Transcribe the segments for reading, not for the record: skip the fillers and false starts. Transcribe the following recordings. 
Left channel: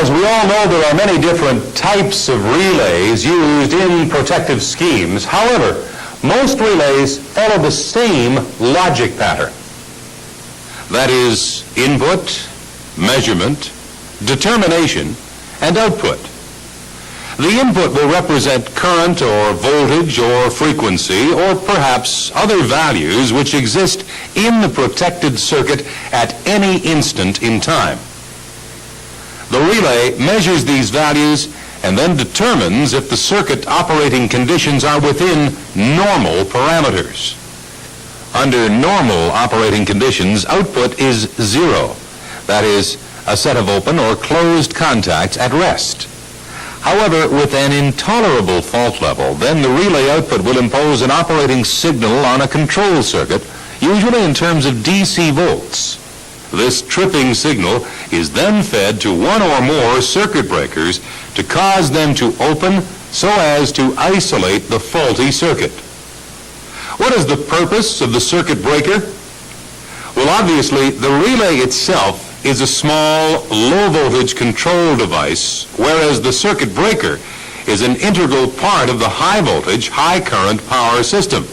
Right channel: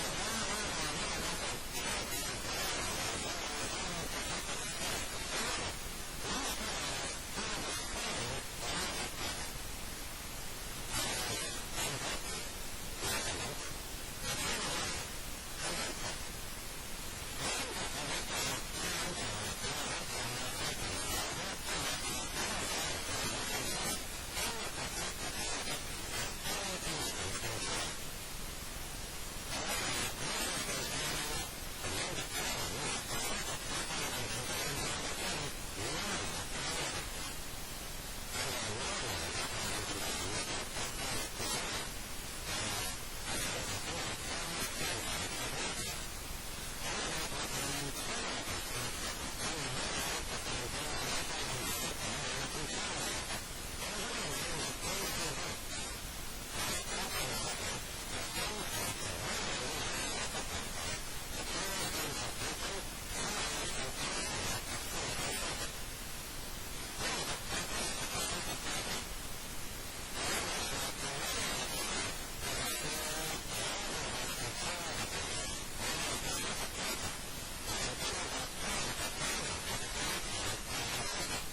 As we all know, there are many different types of relays used in protective schemes. However, most relays follow the same logic pattern. That is, input, measurement, determination, and output. The input will represent current or voltage or frequency or perhaps other values which exist in the protected circuit at any instant in time. The relay measures these values and then determines if the circuit operating conditions are within normal parameters. Under normal operating conditions, output is zero. That is, a set of open or closed contacts at rest. However, with an intolerable fault level, then the relay output will impose an operating signal on a control circuit, usually in terms of DC volts. This tripping signal is then fed to one or more circuit breakers to cause them to open so as to isolate the faulty circuit. What is the purpose of the circuit breaker? Well, obviously, the relay itself is a small, low-voltage control device, whereas the circuit breaker is an integral part of the high-voltage, high-current power system.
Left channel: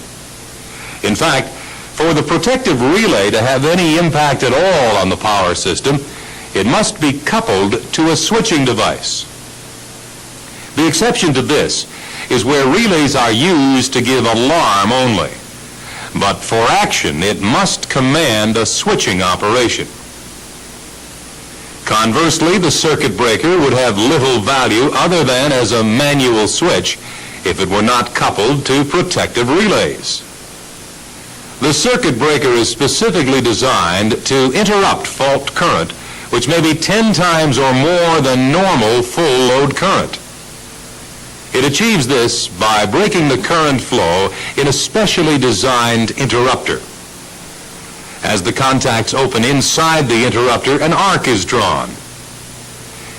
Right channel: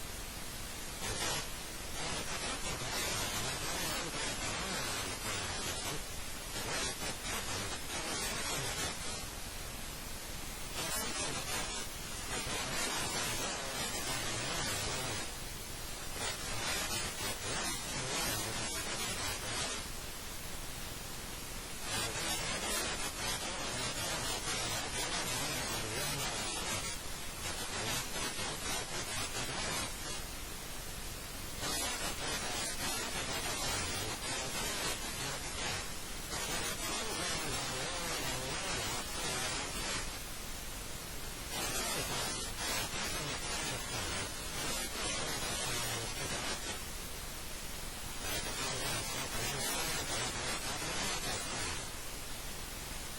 In fact, for the protective relay to have any impact at all on the power system, it must be coupled to a switching device. The exception to this is where relays are used to give alarm only. But for action, it must command a switching operation. Conversely, the circuit breaker would have little value other than as a manual switch if it were not coupled to protective relays. The circuit breaker is specifically designed to interrupt fault current, which may be 10 times or more than normal full load current. It achieves this by breaking the current flow in a specially designed interrupter. As the contacts open inside the interrupter, an arc is drawn.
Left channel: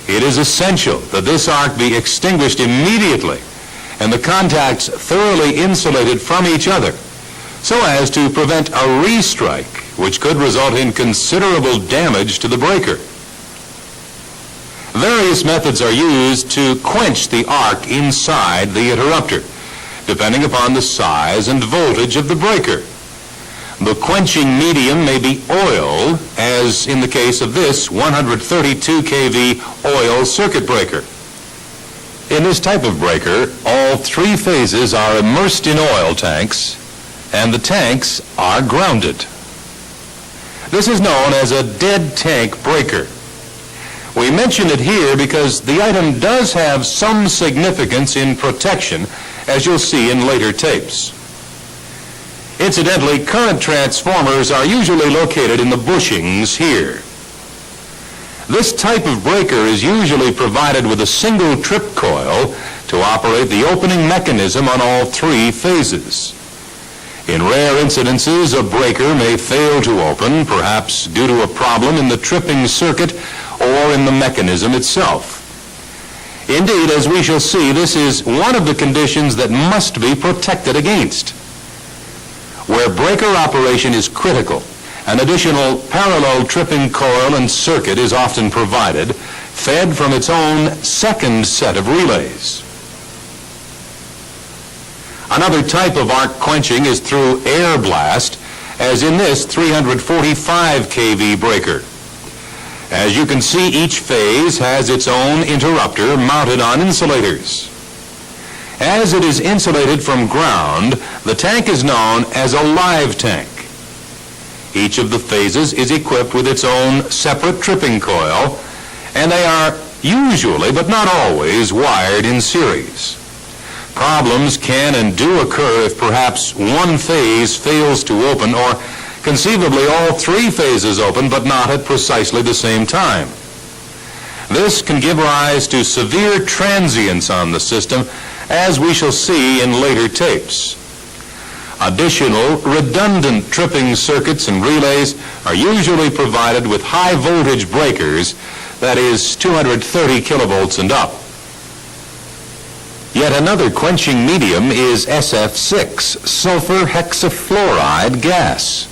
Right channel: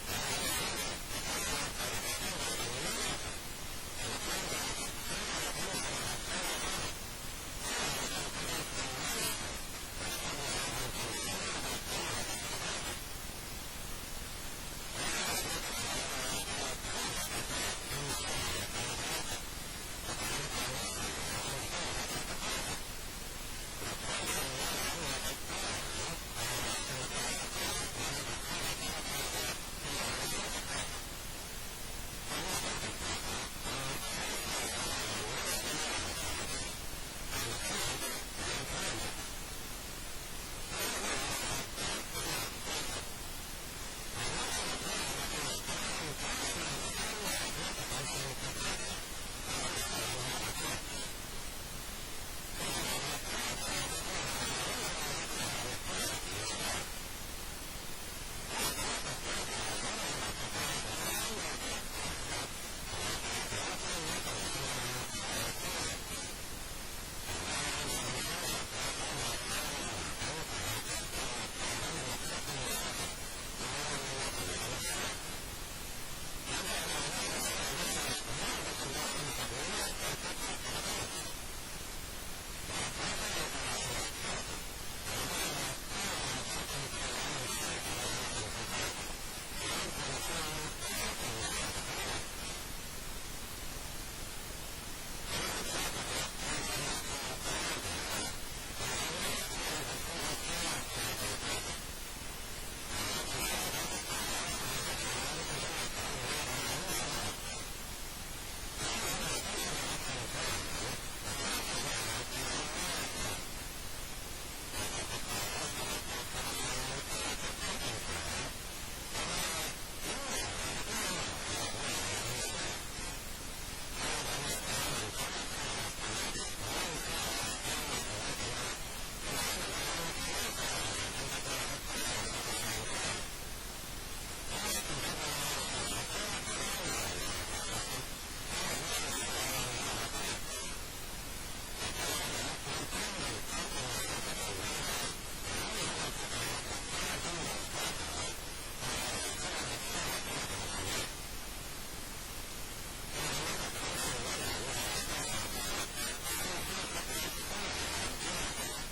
It is essential that this arc be extinguished immediately and the contacts thoroughly insulated from each other so as to prevent a restrike, which could result in considerable damage to the breaker. Various methods are used to quench the arc inside the interrupter, depending upon the size and voltage of the breaker. The quenching medium may be oil, as in the case of this 132 kV oil circuit breaker. In this type of breaker, all three phases are immersed in oil tanks, and the tanks are grounded. This is known as a dead tank breaker. We mention it here because the item does have some significance in protection, as you'll see in later tapes. Incidentally, current transformers are usually located in the bushings here. This type of breaker is usually provided with a single trip coil to operate the opening mechanism on all three phases. In rare incidences, a breaker may fail to open, perhaps due to a problem in the tripping circuit or in the mechanism itself. Indeed, as we shall see, this is one of the conditions that must be protected against. Where breaker operation is critical, an additional parallel tripping coil and circuit is often provided, fed from its own second set of relays. Another type of arc quenching is through air blast, as in this 345 kV breaker. As you can see, each phase has its own interrupter mounted on insulators. As it is insulated from ground, the tank is known as a live tank. Each of the phases is equipped with its own separate tripping coil, and they are usually, but not always, wired in series. Problems can and do occur if perhaps one phase fails to open, or conceivably all three phases open, but not at precisely the same time. This can give rise to severe transients on the system, as we shall see in later tapes. Additional redundant tripping circuits and relays are usually provided with high voltage breakers, that is 230 kilovolts and up. Yet another quenching medium is SF6, sulfur hexafluoride gas.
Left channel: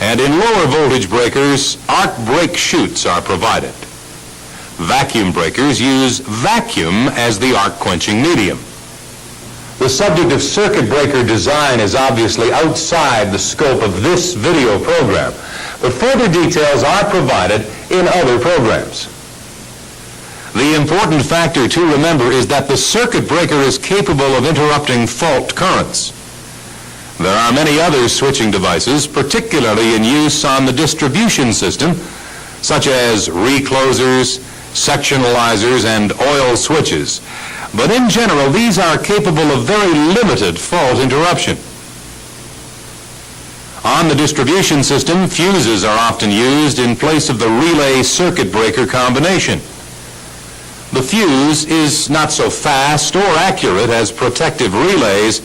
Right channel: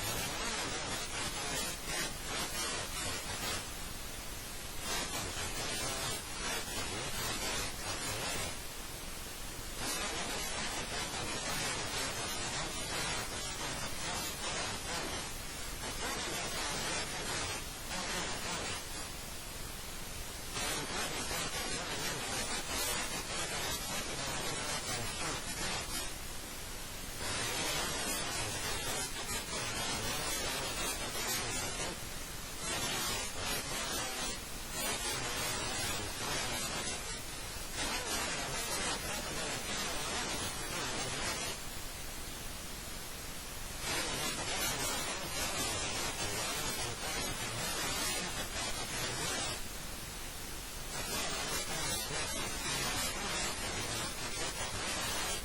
And in lower voltage breakers, arc break chutes are provided. Vacuum breakers use vacuum as the arc quenching medium. The subject of circuit breaker design is obviously outside the scope of this video program, but further details are provided in other programs. The important factor to remember is that the circuit breaker is capable of interrupting fault currents. There are many other switching devices, particularly in use on the distribution system, such as reclosers, sectionalizers, and oil switches. But in general, these are capable of very limited fault interruption. On the distribution system, fuses are often used in place of the relay circuit breaker combination. The fuse is not so fast or accurate as protective relays,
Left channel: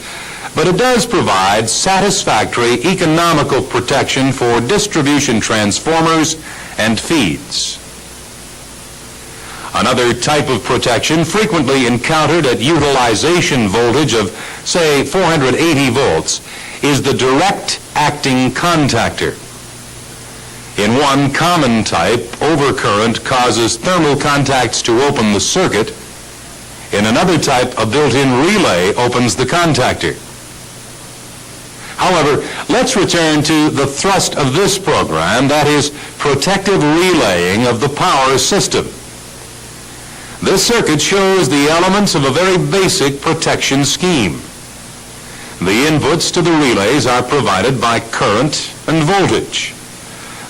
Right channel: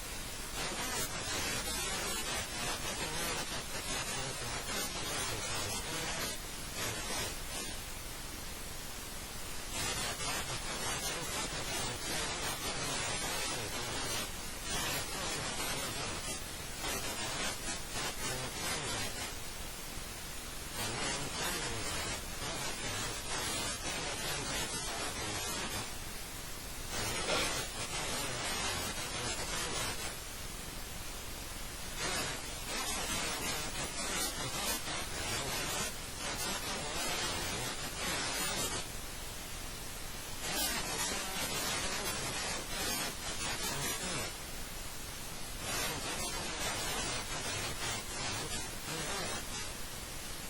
but it does provide satisfactory economical protection for distribution transformers and feeds. Another type of protection frequently encountered at utilization voltage of, say, 480 volts is the direct acting contactor. In one common type, overcurrent causes thermal contacts to open the circuit. In another type, a built-in relay opens the contactor. However, let's return to the thrust of this program, that is, protective relaying of the power system. This circuit shows the elements of a very basic protection scheme. The inputs to the relays are provided by current and voltage.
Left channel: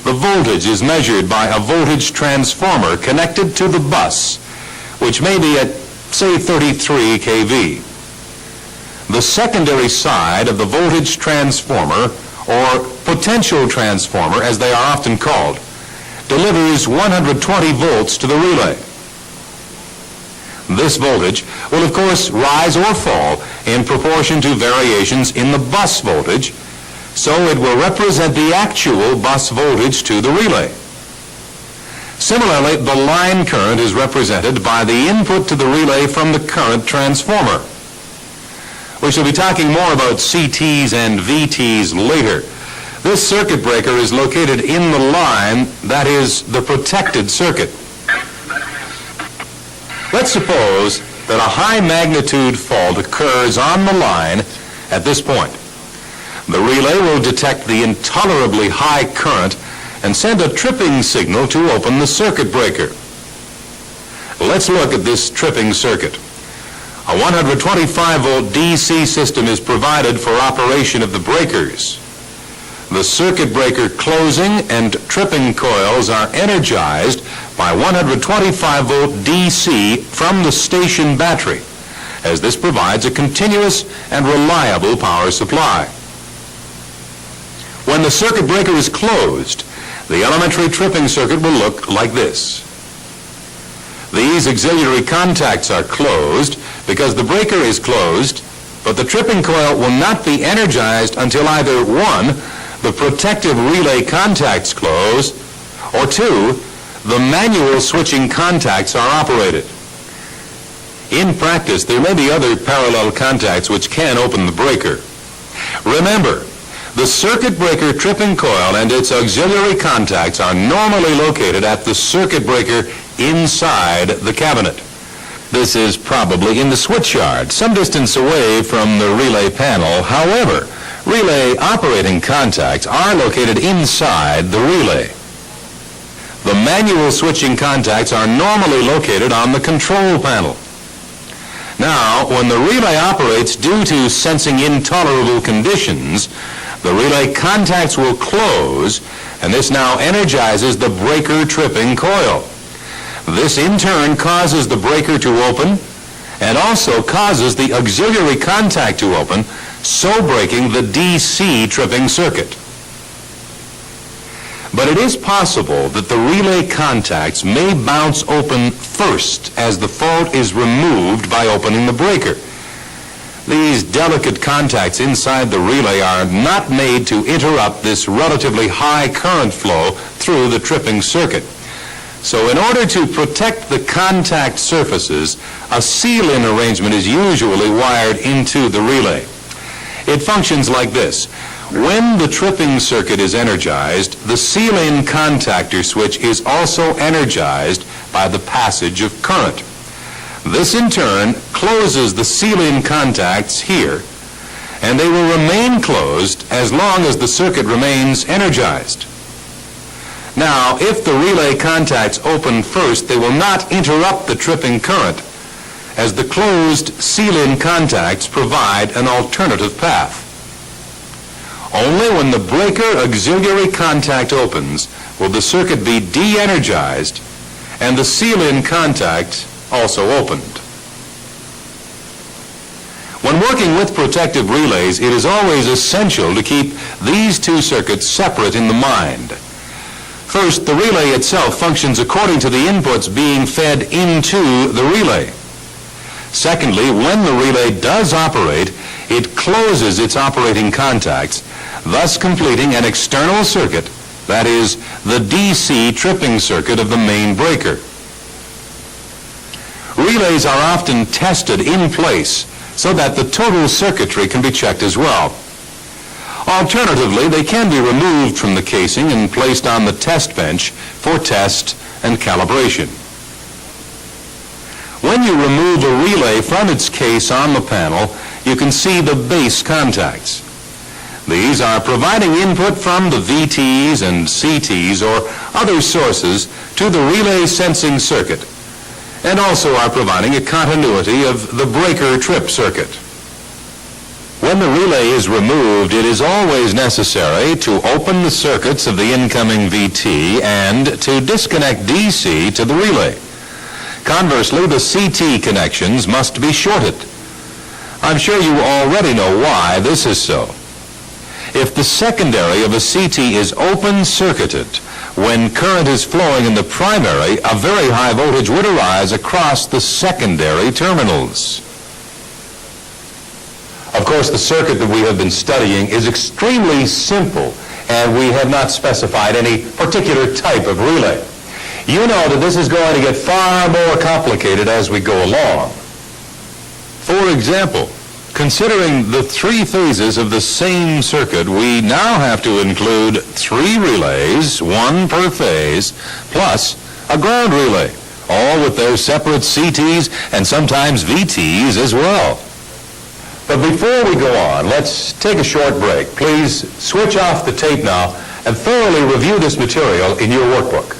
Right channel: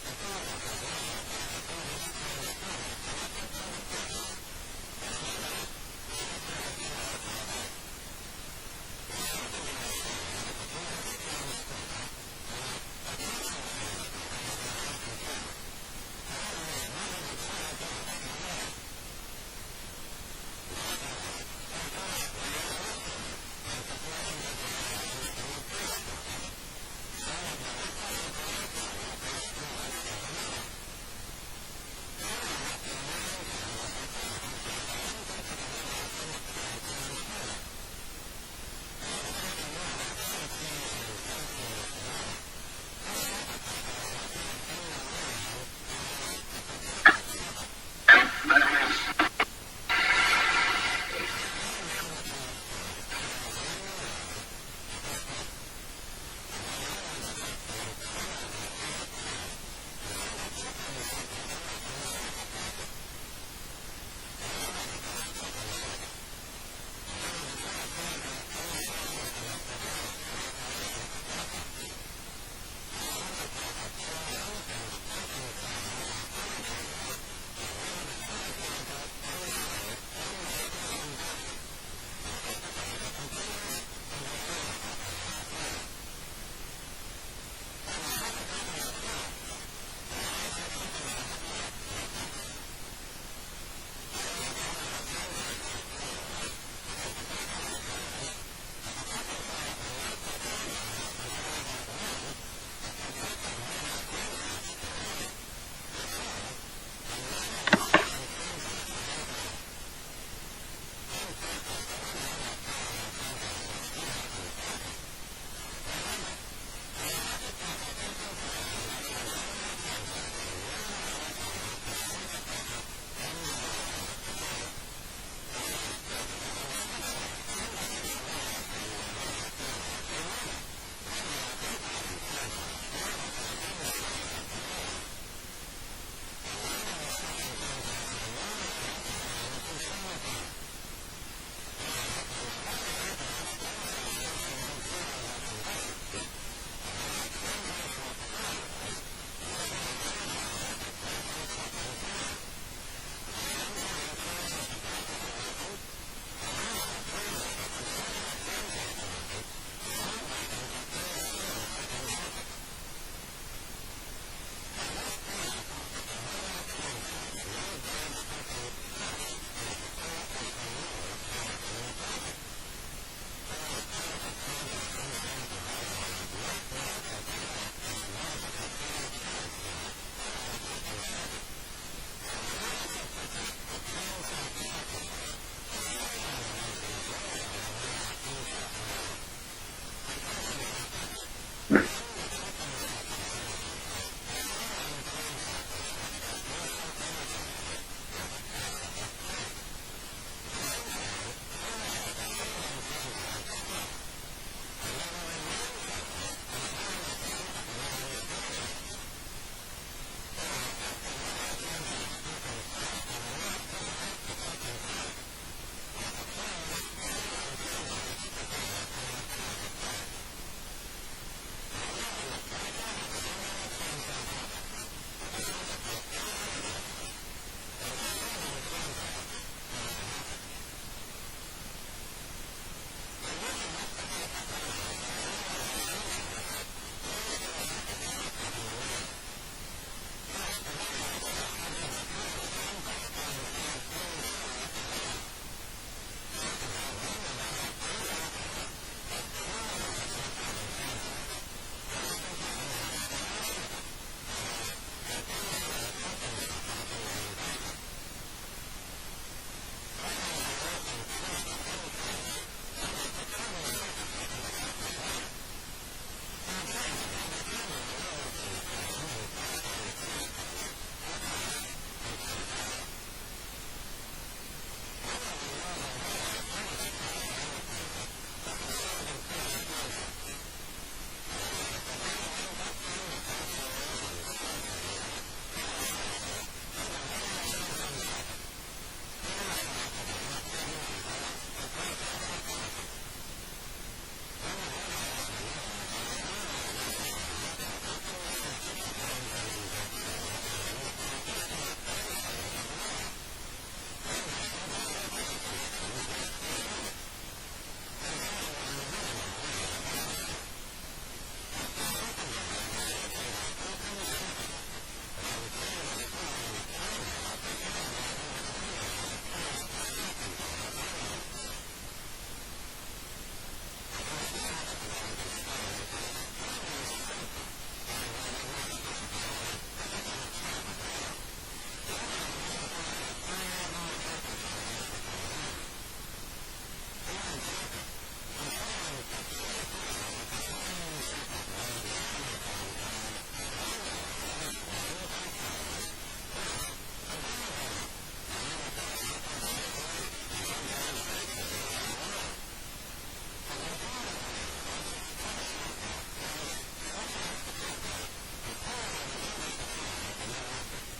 The voltage is measured by a voltage transformer connected to the bus, which may be at, say, 33 kV. The secondary side of the voltage transformer, or potential transformer as they are often called, delivers 120 volts to the relay. This voltage will, of course, rise or fall in proportion to variations in the bus voltage, so it will represent the actual bus voltage to the relay. Similarly, the line current is represented by the input to the relay from the current transformer. We shall be talking more about CTs and VTs later. This circuit breaker is located in the line, that is, the protected circuit. Let's suppose that a high magnitude fault occurs on the line at this point. The relay will detect the intolerably high current and send a tripping signal to open the circuit breaker. Let's look at this tripping circuit. A 125 volt DC system is provided for operation of the breakers. The circuit breaker closing and tripping coils are energized by 125 volt DC from the station battery, as this provides a continuous and reliable power supply. When the circuit breaker is closed, the elementary tripping circuit will look like this. These auxiliary contacts are closed because the breaker is closed, but the tripping coil will not be energized until either 1, the protective relay contacts close, or 2, the manual switching contacts are operated. In practice, there may be other parallel contacts which can open the breaker. Remember, the circuit breaker tripping coil and its auxiliary contacts are normally located at the circuit breaker inside the cabinet. This is probably in the switch yard, some distance away from the relay panel. However, relay operating contacts are located inside the relay. The manual switching contacts are normally located on the control panel. Now, when the relay operates due to sensing intolerable conditions, the relay contacts will close, and this now energizes the breaker tripping coil. This in turn causes the breaker to open and also causes the auxiliary contact to open, so breaking the DC tripping circuit. But it is possible that the relay contacts may bounce open first as the fault is removed by opening the breaker. These delicate contacts inside the relay are not made to interrupt this relatively high current flow through the tripping circuit. So in order to protect the contact surfaces, a seal-in arrangement is usually wired into the relay. It functions like this. When the tripping circuit is energized, the seal-in contactor switch is also energized by the passage of current. This in turn closes the seal-in contacts here, and they will remain closed as long as the circuit remains energized. Now, if the relay contacts open first, they will not interrupt the tripping current, as the closed seal-in contacts provide an alternative path. Only when the breaker auxiliary contact opens will the circuit be de-energized and the seal-in contact also opened. When working with protective relays, it is always essential to keep these two circuits separate in the mind. First, the relay itself functions according to the inputs being fed into the relay. Secondly, when the relay does operate, it closes its operating contacts, thus completing an external circuit, that is, the DC tripping circuit of the main breaker. Relays are often tested in place so that the total circuitry can be checked as well. Alternatively, they can be removed from the casing and placed on the test bench for test and calibration. When you remove a relay from its case on the panel, you can see the base contacts. These are providing input from the VTs and CTs or other sources to the relay sensing circuit, and also are providing a continuity of the breaker trip circuit. When the relay is removed, it is always necessary to open the circuits of the incoming VT and to disconnect DC to the relay. Conversely, the CT connections must be shorted. I'm sure you already know why this is so. If the secondary of a CT is open-circuited, when current is flowing in the primary, a very high voltage would arise across the secondary terminals. Of course, the circuit that we have been studying is extremely simple, and we have not specified any particular type of relay. You know that this is going to get far more complicated as we go along. For example, considering the three phases of the same circuit, we now have to include 3 relays, 1 per phase, plus a ground relay, all with their separate CTs and sometimes VTs as well. But before we go on, let's take a short break. Please switch off the tape now and thoroughly review this material in your workbook.